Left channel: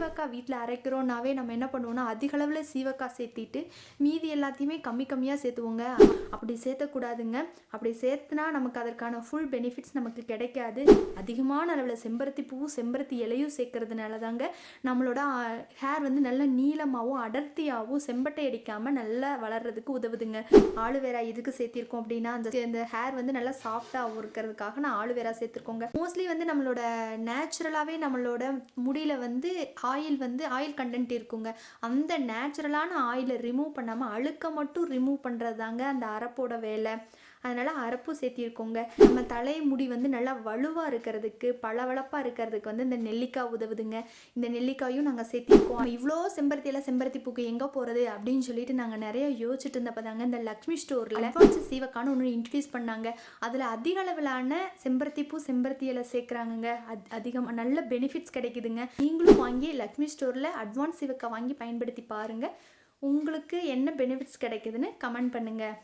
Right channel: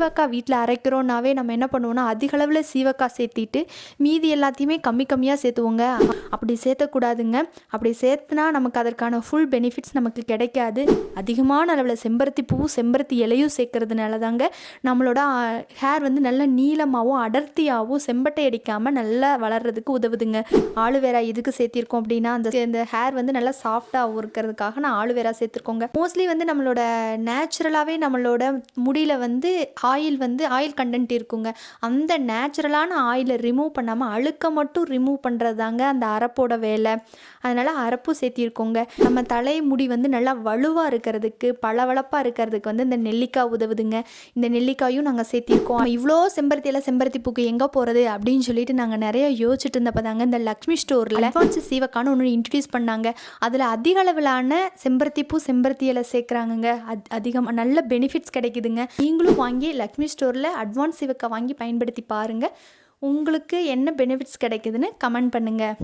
சீவக்காய் வீட்டில் அரைக்கிறோன்னாவே நம்ம என்ன பண்ணுவோம்னா அதிக அளவில் சீவக்காய் சேர்த்திட்டு மீதி எல்லாத்தையுமே கம்மி கம்மியாக சேர்த்துவோங்க. அப்படி சேர்த்தக்கூடாதுங்க. அப்படி சேர்த்துனா நமக்கு அதற்கான ஃபுல் பெனிஃபிட்ஸ் நமக்கு கிடைக்காது. அதிகமான அளவில் செம்பருத்தி பூவும் செம்பருத்தி இலையும் சேர்க்கறதுனால தாங்க நம்மளோட ஹேர் வந்து நல்ல நீளமாகவும் அடர்த்தியாகவும் செம்பட்டை அடிக்காமல் நல்லா வளர்கிறதுக்கு உதவுதுங்க. ஆலுவேரா எதுக்கு சேர்த்திருக்கோம் அப்படின்னா அந்த ஹேர் வந்து நல்லா சாஃப்டாகவும் இருக்கிறதுக்காக நான் ஆலுவேரா சேர்த்துருக்கோங்க. மோஸ்ட்லி வந்து நம்மளோட நேச்சுரலாகவே நம்மளோட முடியில் வந்து ஆயில் கண்டென்ட் இருக்குங்க. அந்த நேச்சுரலான ஆயிலை ரிமூவ் பண்ணாமல் அழுக்க மட்டும் ரிமூவ் பண்ணுறது தாங்க அந்த அரப்போட வேலை. அதனால் அரப்பும் சேர்த்திருக்கோங்க. நம்ம முடி வந்து நல்லா வலுவாக இருக்கிறதுக்கு பளவளப்பாக இருக்கிறதுக்கு வந்து இந்த நெல்லிக்காய் உதவுதுங்க. இந்த நெல்லிக்காயும் நாங்கள் சேர்த்திருக்கோம். இவ்வளோ செம்பருத்தி பூக்கு எங்கே போகிறது அப்படின்னு சொல்லிட்டு நாங்கள் நிறைய யோசிச்சுட்டு இருந்தப்போ தாங்க இந்த லக்ஷ்மி ஸ்டோரில் அட்வான்ஸ் சீவக்கான்னு ஒன்று இன்ட்ரடியூஸ் பண்ணாங்க. அதில் அதிக அளவிலான செம்பருத்தி பூ செம்பருத்தி இலை சேர்க்குறாங்கங்க. அதிகமாக நல்ல பெனிஃபிட்ஸ் கிடைக்குதுங்க. நீங்களும் வாங்கி லக்ஷ்மி ஸ்டோரில் அட்வான்ஸ் சீவக்காய் வாங்கி பயன்படுத்தி பாருங்கள். உங்களுக்கு என்ன பெனிஃபிட்ஸ் கிடைக்குதுன்னு கமெண்ட் பண்ணுங்கள்.